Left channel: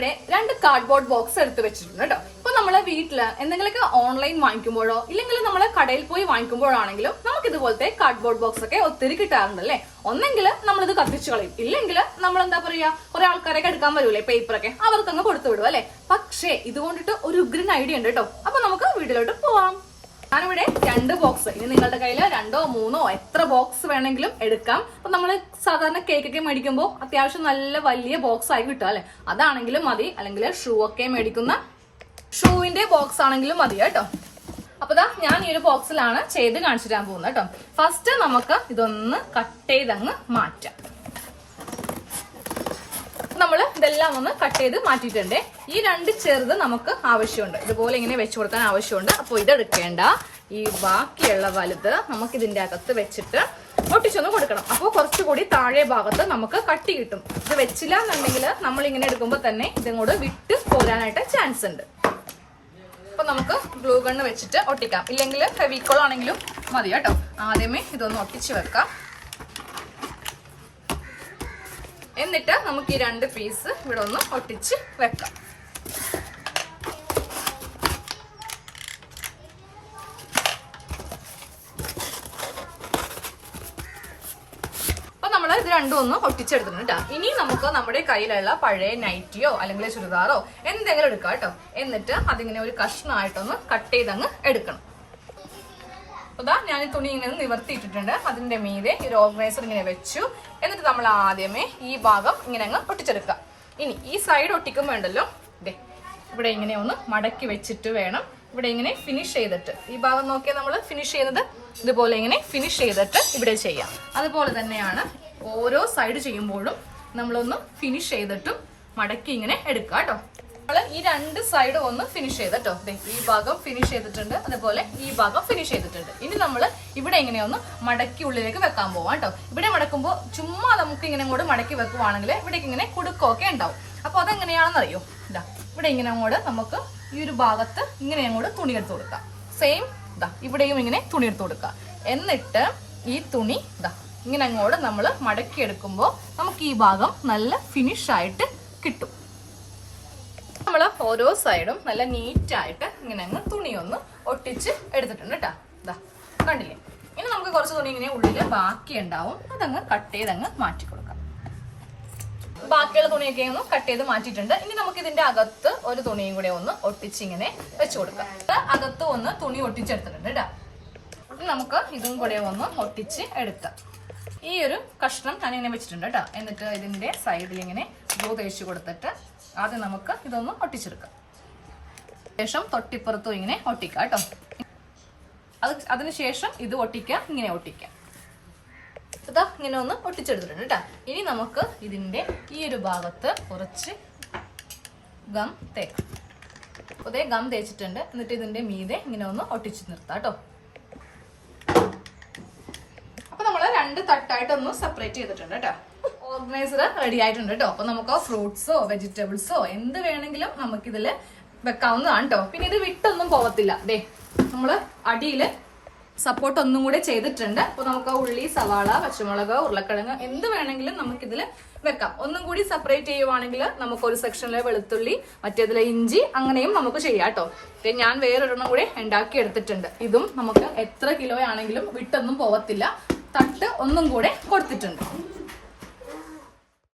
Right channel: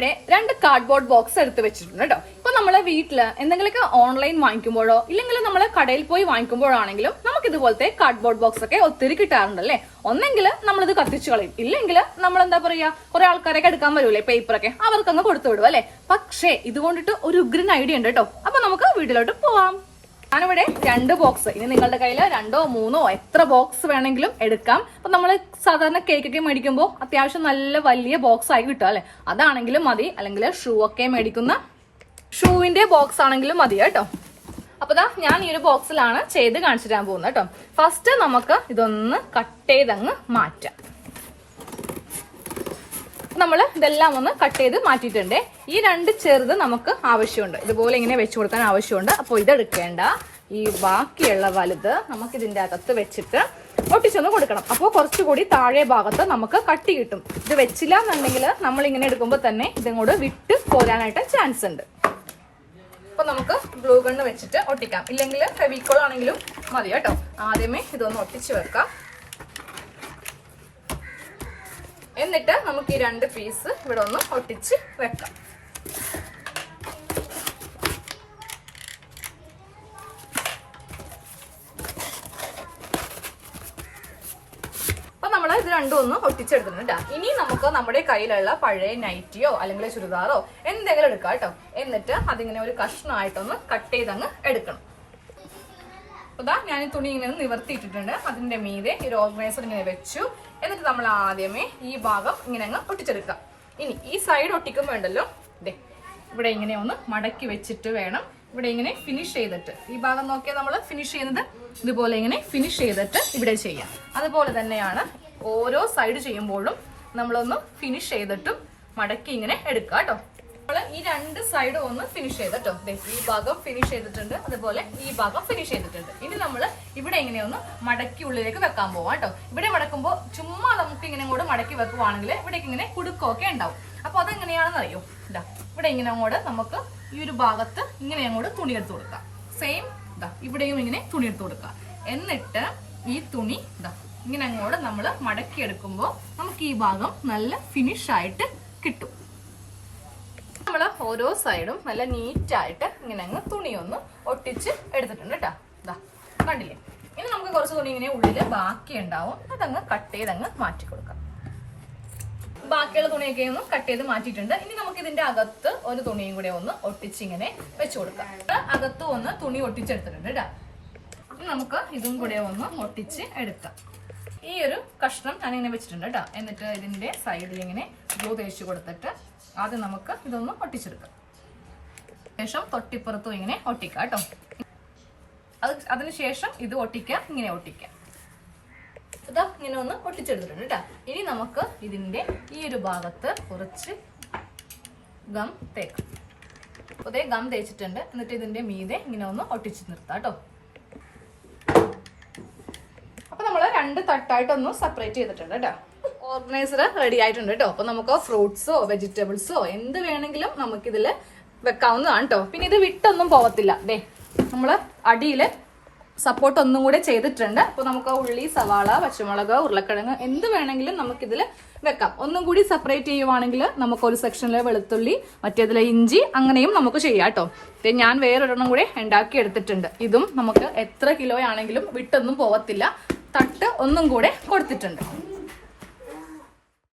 ഞാനിവിടെ 2 cardboard box എടുത്ത് വെച്ചിട്ടുണ്ട് കേട്ടോ. ഇപ്പൊ നമ്മളെ വീട്ടില് എന്തെങ്കിലുമൊക്കെ ഓൺലൈൻ വാങ്ങിക്കുമ്പോഴോ ഇല്ലെങ്കിൽ നമ്മള് കടയിൽ പോയി വാങ്ങിക്കുമ്പോഴാണെങ്കിലും നമുക്ക് ഇതുപോലത്തെ കാർഡ്ബോർഡ് ബോക്സ് ഒക്കെ ഒത്തിരി കിട്ടാറുണ്ട് അല്ലേ. ഒന്നെങ്കിൽ നമ്മളിത് കത്തിച്ചു കളയും, ഇല്ലെങ്കിൽ നമ്മൾ എന്താ പറയാ കുറെ ആൾക്കാരൊക്കെ എടുക്കാൻ വരൂലേ പേപ്പറൊക്കെ, അവർക്കൊന്ന് കൊടുത്തു വിടും അല്ലെ. പക്ഷേ ഇതുകൊണ്ടിട്ട് ഒരു ഉഗ്രൻ ഐഡിയ ഉണ്ട് കേട്ടോ. അപ്പൊ നമുക്ക് വീട്ടിലോട്ട് പോവാം. ഞാനിവിടെ 2 ബോക്സ്, ഇനി നിങ്ങളുടെ കയ്യിൽ 2 or 3 എത്ര ബോക്സ് വേണമെങ്കിലും എടുക്കാം. അപ്പൊ നമ്മള് സാധാരണ കേക്കൊക്കെ മേടിക്കുമ്പോൾ അത്യാവശ്യം നല്ല വലിയ ബോക്സ് ആയി കിട്ടും അല്ലെ. അതാണെങ്കിലും മതി, അല്ലെങ്കിൽ ഷൂ ഒക്കെ മേടിക്കുന്ന ഷൂവിന്റെ ബോക്സ് ആണെങ്കിലും മതി കേട്ടോ. അപ്പൊ ഞാൻ ഈ ഒരു ബോക്സിലാണ് ചെയ്ത് കാണിച്ചു തരാൻ പോകുന്നത് കേട്ടോ. ഫസ്റ്റ് നമുക്ക് ഇതൊന്ന് കട്ട് ചെയ്തങ്ങ് മാറ്റാം. നമ്മൾ ഇതെല്ലാം ഒന്ന് കട്ട് ചെയ്ത് മാറ്റിയിട്ടുണ്ട്. ഈ 2 ചെറുത് നമുക്ക് ആവശ്യമുണ്ട്, ഇതുപോലെ ഇങ്ങനെ വെച്ചു കൊടുക്കാൻ ആവശ്യമുണ്ട്. അപ്പോൾ ഇതെടുക്കേണ്ട, ഈ ബാക്കിയുള്ള വലുത് നമുക്ക് ഇതിന്റെ അകത്ത് വെച്ചിട്ട് ഒട്ടിച്ചൊന്ന് കൊടുക്കണം. അപ്പോൾ കുറച്ചുകൂടി താഴെ ഭാഗത്ത് നമുക്ക് കട്ടി കിട്ടും. ഇത് വെച്ചില്ല എന്നുണ്ടെങ്കിൽ നമ്മൾ ഇങ്ങനെ എടുക്കുമ്പോൾ തന്നെ ഇതങ്ങോട്ട് വിട്ട് പോരാനായിട്ട് ചാൻസ് ഉണ്ട്. അപ്പൊ നമുക്ക് ഗ്ലൂ ഗണ്ണ് വെച്ചിട്ട് ഒട്ടിക്കാം, ഇല്ലെങ്കിൽ ഫെവിക്കോൾ ആണെങ്കിലും മതി കേട്ടോ. ആദ്യമേ ഇതൊന്ന് ഒട്ടിച്ച് വെക്കാം. എന്നിട്ട് നമുക്ക് ഈ 2 പീസ് ഇവിടെ ഒന്ന് ഒട്ടിച്ച് വെക്കാം. അപ്പൊ നമ്മൾ ഇത് രണ്ടും ഒന്ന് ഒട്ടിച്ചെടുത്തിട്ടുണ്ട്. ഇനി നമുക്ക് നമ്മുടെ കയ്യിലുള്ള പഴയ നൈറ്റിയോ അല്ലെങ്കിൽ ചുരിദാറോ എന്തെങ്കിലും എടുക്കാം കേട്ടോ. എന്നിട്ട് അതിങ്ങനെ ഒരു കഷ്ണമായിട്ടൊന്ന് കട്ട് ചെയ്തങ്ങ് എടുക്കണം. അതാ ഞാൻ ഈ തുണി ഇങ്ങനെ നിവർത്തിയിട്ടിട്ടുണ്ട്. അതിന്റെ മീതെ ഈ ഓർഗനൈസർ ഇങ്ങനെ വെച്ചു. എന്നിട്ട് നമ്മൾ ആദ്യമേ ഈ ഭാഗം ഇങ്ങനെ അങ്ങ് ഒട്ടിച്ചെടുക്കാം. ഇനി ഈ സൈഡ് ഒട്ടിക്കുമ്പോൾ ഉണ്ടല്ലോ, ഇതേ ഇവിടെ ഇങ്ങനെ ഒന്ന് മടക്കി വെച്ചിട്ട് വേണം ഇവിടെ ഇങ്ങനെ ഫിനിഷ് ചെയ്തിട്ട്, ഈ ഭാഗം നോക്കിയാൽ നമ്മൾ ഫിനിഷ് ചെയ്യുന്നത് ഇതുപോലെ ഇങ്ങനെ ഫിനിഷ് ചെയ്തിട്ട് ഇവിടെ ചെയ്യാം. അതുപോലെ തന്നെയാണ് ഓരോ സൈഡ് ചെയ്യുമ്പോഴും നമ്മളൊന്ന് ഫിനിഷ് ചെയ്തിട്ടും മടക്കി ഇങ്ങനെ എടുക്കുക കേട്ടോ. ഈ 2 സൈഡും ഒന്ന് ഫിനിഷ് ചെയ്തിട്ടോ. ഈ ഭാഗം ഫിനിഷ് ചെയ്തിട്ടുണ്ട്, അതുപോലെ ഈ ഭാഗം ഫിനിഷ് ചെയ്തിട്ടുണ്ട്. ഇനി നമ്മൾ ഇവിടെ ഇങ്ങനെയൊന്ന് മടക്കി ഉള്ളിലേക്ക് വെക്കാൻ പോവാം കേട്ടോ. ഇവിടെ മടക്കുമ്പോൾ ചുമ്മാ നമുക്ക് ഇങ്ങനെ കൂടെ മടക്കി വെക്കുവാണെങ്കിൽ ഇവിടേക്ക് ഇങ്ങനെ കുടുക്കൊക്കെ ഉണ്ടാവും. അപ്പൊ അതെങ്ങനെയാണെന്ന് അറിയോ, ഇതാ ഇവിടെ ഇങ്ങനെ അങ്ങോട്ട് നമുക്ക് ഈ ഒരു ഭാഗത്ത് ഇങ്ങനെ അങ്ങോട്ട് തുണി എടുത്ത് കൊടുക്കാം. സെയിം ഇതാ ഇവിടെയും ഇങ്ങനെ തുണി എടുത്ത് കൊടുക്കാം. എന്നിട്ട് ഈ തുണി ഇതാ ഇങ്ങനെ അങ്ങോട്ട് നമ്മൾ മടക്കി എടുക്കുമ്പോൾ നമുക്ക് ഈ ഭാഗം നല്ല ഫിനിഷ് ആയിട്ട് കിട്ടും. നമ്മൾ ഓരോ സൈഡും നല്ല നീറ്റായിട്ട് ഇങ്ങനെ അങ്ങ് തുണിയൊന്ന് ഒട്ടിച്ച് എടുത്തിട്ടുണ്ട് കേട്ടോ. ഇതാ കണ്ടില്ലേ. ഇനി നമുക്ക് കുറച്ച് തുണി ഇങ്ങനെ ഉള്ളില് ബാക്കി ഉണ്ടാവും, അതങ്ങ് കട്ട് ചെയ്തങ്ങ് മാറ്റി കൊടുക്കാം. ബാക്കിയുള്ള തുണിയൊക്കെ ഒന്ന് കട്ട് ചെയ്ത് മാറ്റിയിട്ടുണ്ട്. ഇനി നമുക്ക് ഇതിന്റെ അകത്ത് ഒരു തുണിയും കൂടെ ഒന്ന് ഒട്ടിച്ച് ഇങ്ങനെ വെച്ചു കൊടുക്കാം. അകത്ത് ഒന്ന് തുണി ഒട്ടിച്ചെടുത്തിട്ടുണ്ട് കേട്ടോ. നമുക്ക് ഇതും കൂടെ ഒന്ന് ഒട്ടിച്ച് എടുക്കാം. ഈ ഒരു കഷ്ണം ഞാനിങ്ങനെ വെച്ചിട്ടുണ്ട് കേട്ടോ. എന്നിട്ട് ഇതിന്റെ സൈഡിൽ ഇങ്ങനെ ഗ്ലൂ തേച്ച് കൊടുത്തിട്ട് ആദ്യം നമുക്ക് ഇതൊന്ന് ഒട്ടിച്ചെടുക്കാം. ശേഷം തൊട്ടിപ്പുറത്തും ഇങ്ങനെ ഒട്ടിക്കാം കേട്ടോ. അതിനുശേഷം ഇത് ഒട്ടിക്കാം, ഇങ്ങനെ ഒട്ടിക്കാം. ഇതാ ഇങ്ങനെ ഒന്ന് ഒട്ടിച്ചെടുത്തിട്ടുണ്ട് കേട്ടോ. ഇനി നമുക്ക് ഇതിന്റെ ഈ ഒരു ഭാഗത്ത് കുറച്ച് ഗം തേക്കാം. അതേ ഗം തേച്ചിട്ടുണ്ട്. എന്നിട്ട് ഇതിന്റെ മീതെ ഇങ്ങനെ ഒന്ന് ഒട്ടിച്ച് നിർത്താം കേട്ടോ. അപ്പൊ നമ്മൾ 2 തട്ടായിട്ടൊന്ന് സെപ്പറേറ്റ് ചെയ്തിട്ടുണ്ട് കേട്ടോ. ഓർഗനൈസർ റെഡി ആയിട്ടുണ്ട് കേട്ടോ. അപ്പൊ നമുക്ക് ഫ്രൂട്ട്സോ വെജിറ്റബിൾസോ എന്ത് വേണമെങ്കിലും നമുക്കിതില് വെക്കാവുന്നതാണ് കേട്ടോ. പിന്നെ ഇത് വിട്ടൊന്നും പോകത്തില്ല. ദേ നമ്മള് അടിയില് സപ്പോർട്ട് ഒന്നും കൂടെ ചെയ്തിട്ടുണ്ട്. അപ്പൊ നമുക്ക് ഉള്ളി, സവാള, പച്ചമുളക്, ഉരുളക്കിഴങ്ങ് എന്ത് വേണമെങ്കിലും നമുക്കിതില് വെക്കാം. ഒന്നും കൂടി സെപ്പറേറ്റ് ചെയ്യുവാണെങ്കിൽ നമുക്ക് ഒരു സെക്ഷനിലെ വെളുത്തുള്ളി, മറ്റേതിലെ ഇഞ്ചി, അങ്ങനെയും നമുക്ക് ചെയ്യാം കേട്ടോ. ഞാൻ വേറൊരെണ്ണം കൂടെ ഉണ്ടാക്കി എടുത്തിട്ടുണ്ട്. ഇതും നമുക്ക് എത്ര കിലോ ആണെങ്കിലും വിട്ടൊന്നും പോകത്തില്ല. തട്ട് ഒന്നും കൂടെ കൊടുത്തിട്ടുണ്ട്.